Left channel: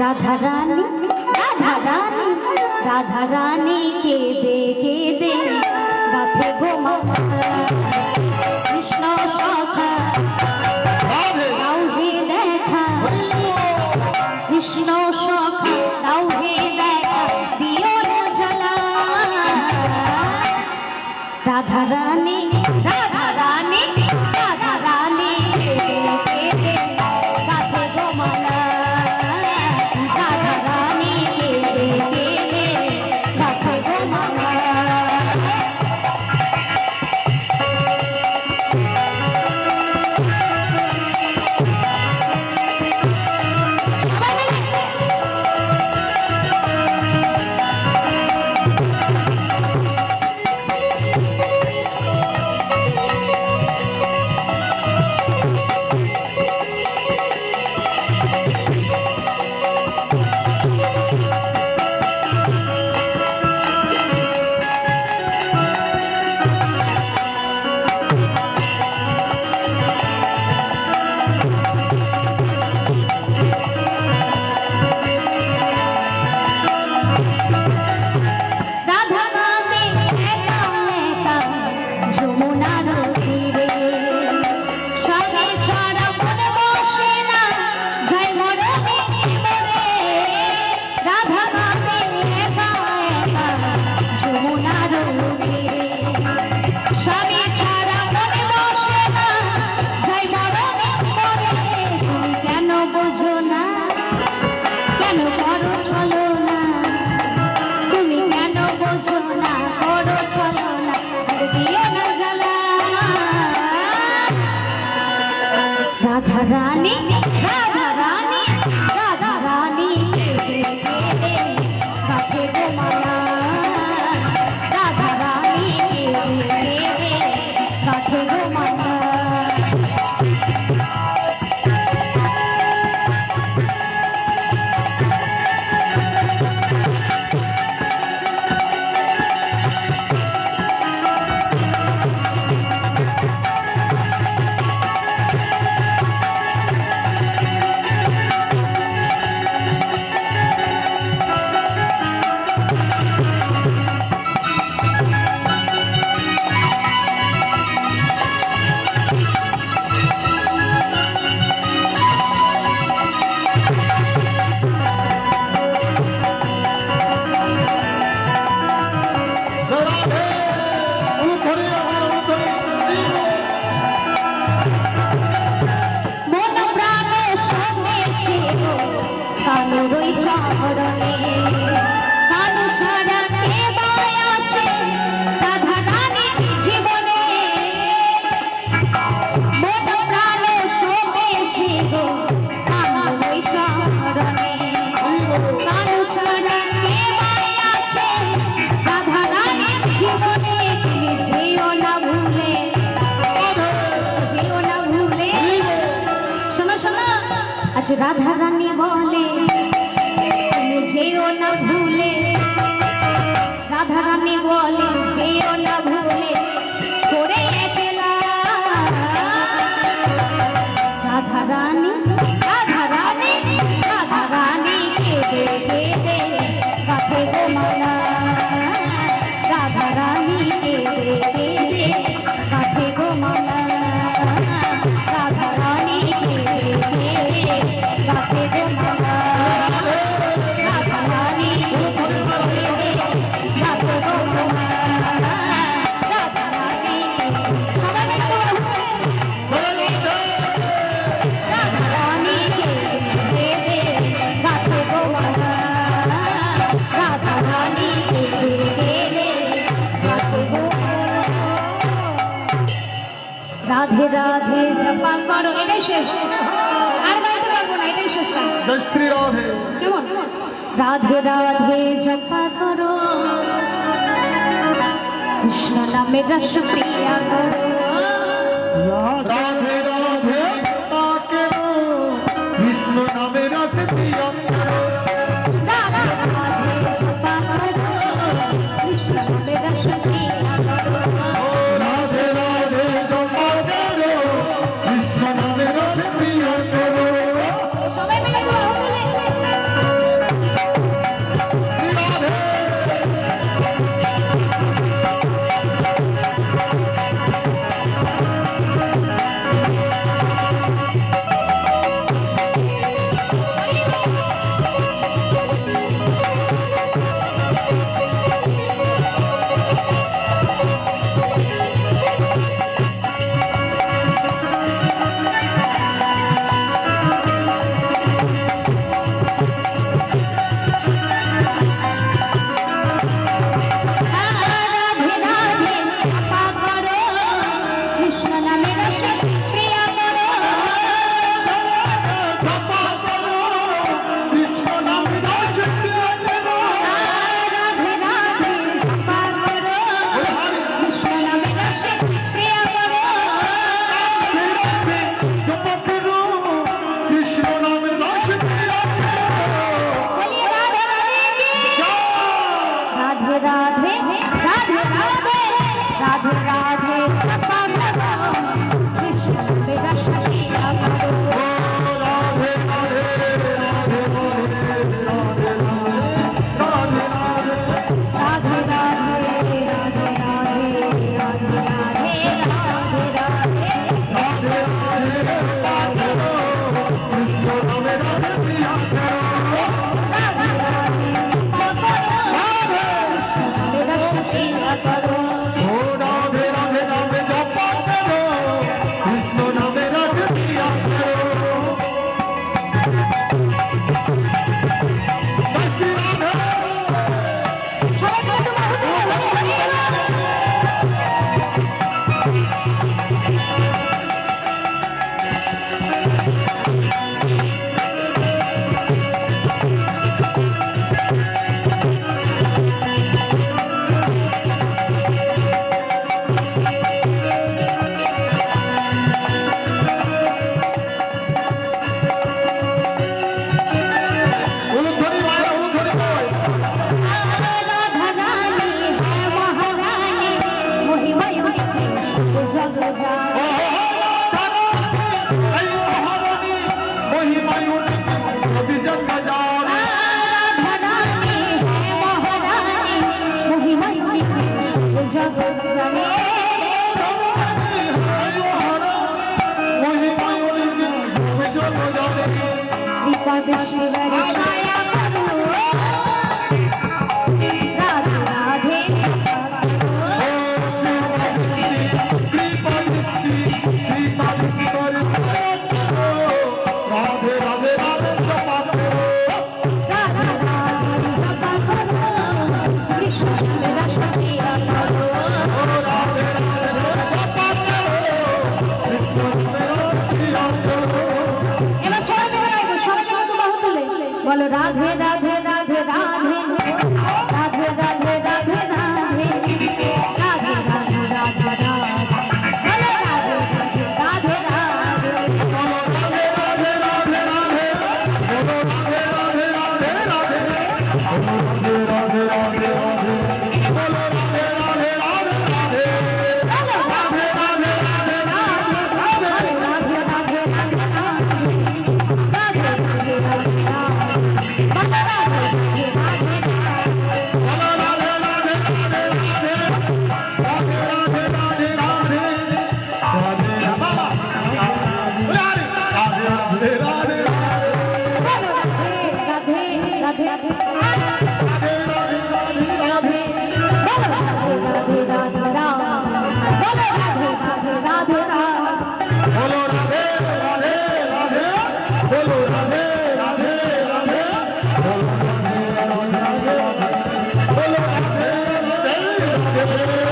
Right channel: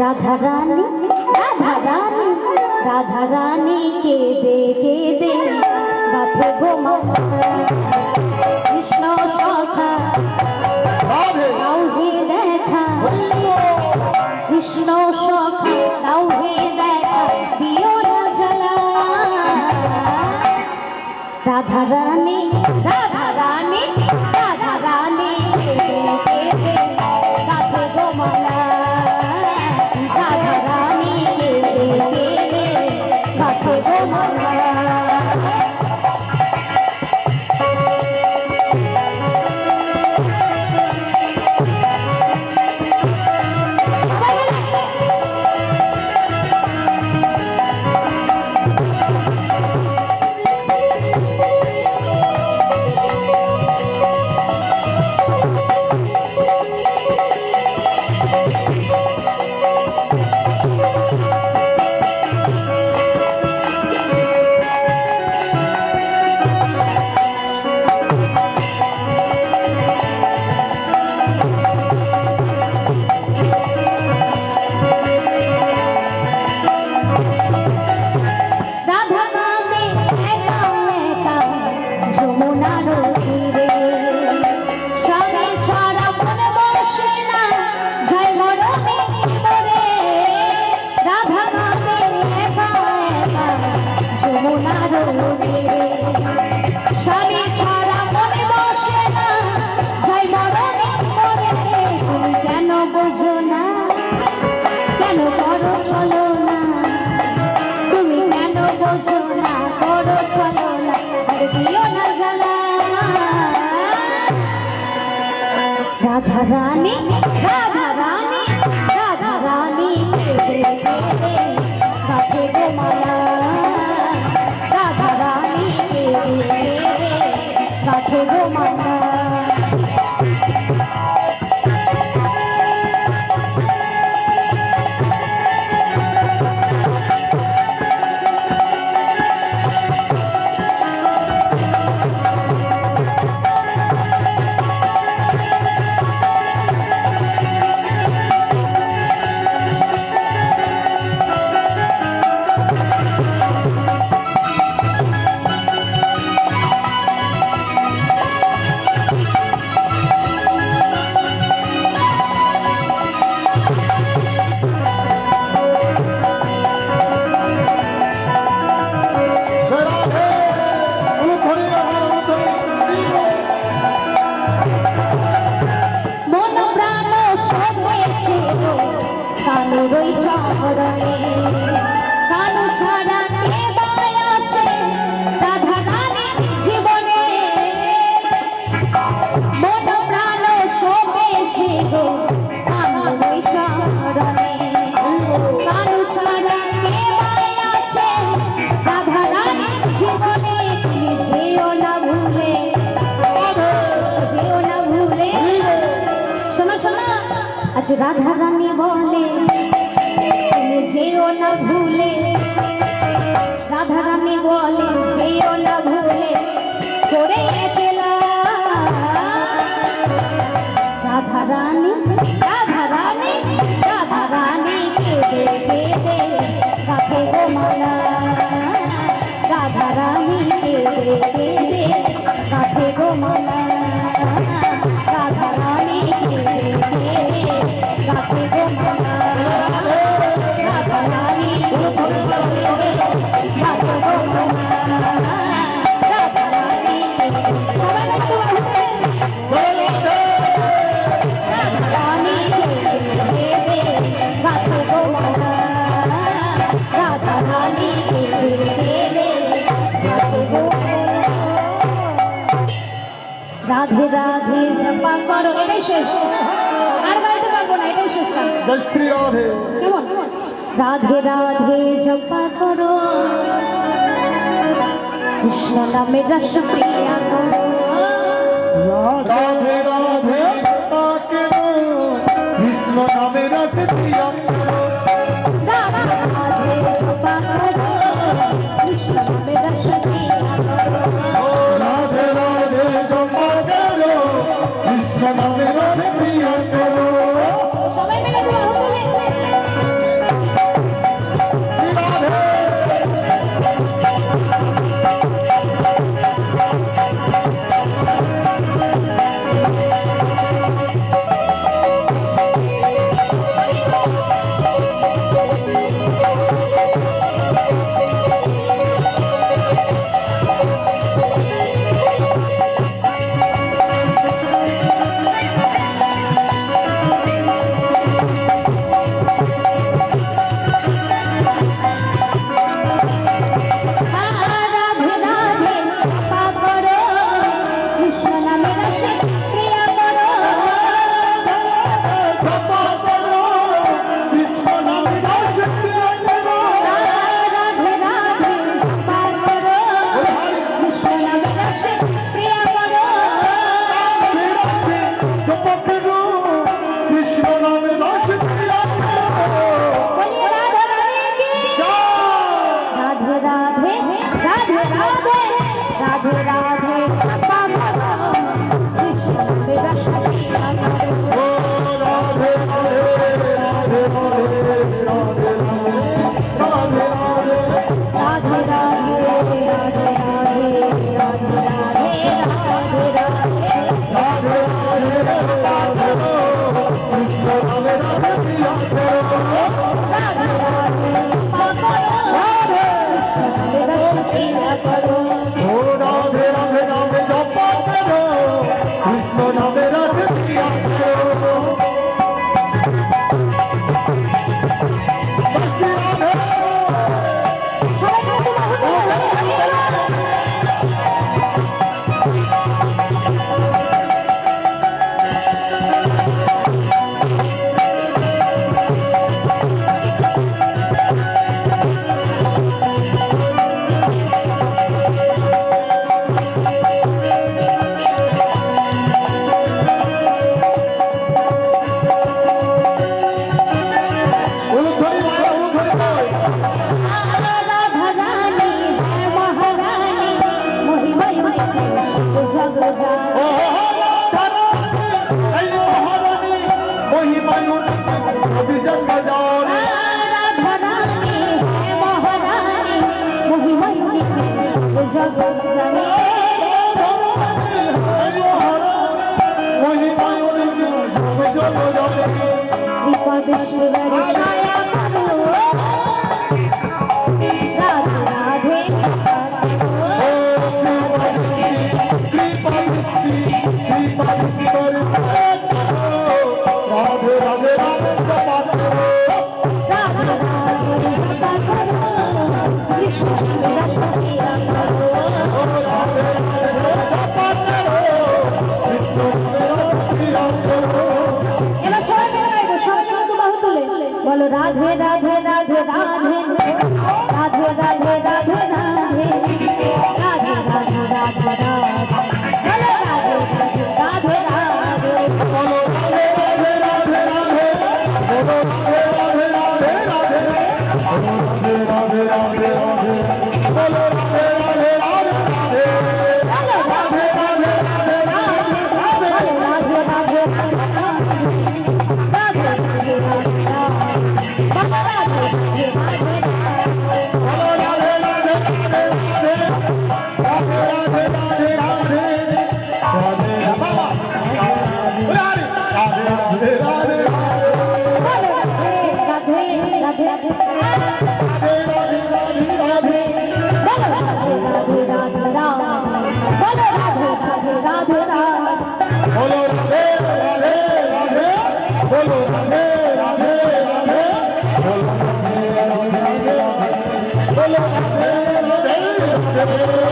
রাধা রানী রাধা রানী রাধা রানী কেঁদে কেঁদে গাথে গো মালা কৃষ্ণ সখা দাও হে দেখা কৃষ্ণ সখা দাও হে দেখা দিও না জ্বালা রাধা রানী রাধা রানী রাধা রানী কেঁদে কেঁদে গাথে গো মালা রাধা রানী কেঁদে কেঁদে গাথে গো মালা राधा रानी राधा रानी राधा रानी केंदे केंदे गाथे गो माला राधा रानी केंदे केंदे गाथे गो माला राधा रानी बोले जेओ न भूले राधा रानी बोले जेओ न भूले छोड़े अकेला राधा रानी राधा रानी राधा रानी केंदे केंदे गाथे गो माला राधा रानी केंदे केंदे गाथे गो माला राधा रानी केंदे केंदे गाथे गो माला राधा रानी केंदे केंदे गाथे गो माला राधा रानी राधा रानी केंदे केंदे गाथे गो माला राधा रानी केंदे केंदे गाथे गो राधे राधे जपा करो एटाই শেষ আর গাইতে পারবো না এটাই শেষ কাজ জয় শ্রী রাধে কেমন রাধে রাধে জপা করো কৃষ্ণ নামে রস প্রিয়া করো রাধে রাধে তাকে কৃষ্ণ নামে রস প্রিয়া করো রাধে রাধে জপা করো কৃষ্ণ নামে রস প্রিয়া করো রাধে রাধে জপা করো কৃষ্ণ নামে রস প্রিয়া করো সবাই মিলে নামে রসে প্রিয়া করো জপা করো কৃষ্ণ নাম রসে প্রিয়া করো রাধে রাধে জপা করো কৃষ্ণ নামে রসে প্রিয়া করো জপা করো কৃষ্ণ নাম রসে প্রিয়া করো বলি রাধে রাধে কি রাধে রাধে রাধে রাধে রাধে রাধে জপা করো কৃষ্ণ নামে রসে প্রিয়া করো রাধে রাধে রাধে রাধে রাধে राधे राधे राधे राधे राधे राधे बोलो राधे राधे राधे राधे राधे राधे राधे राधे राधे राधे राधे राधे बोलो राधे राधे राधे Hello.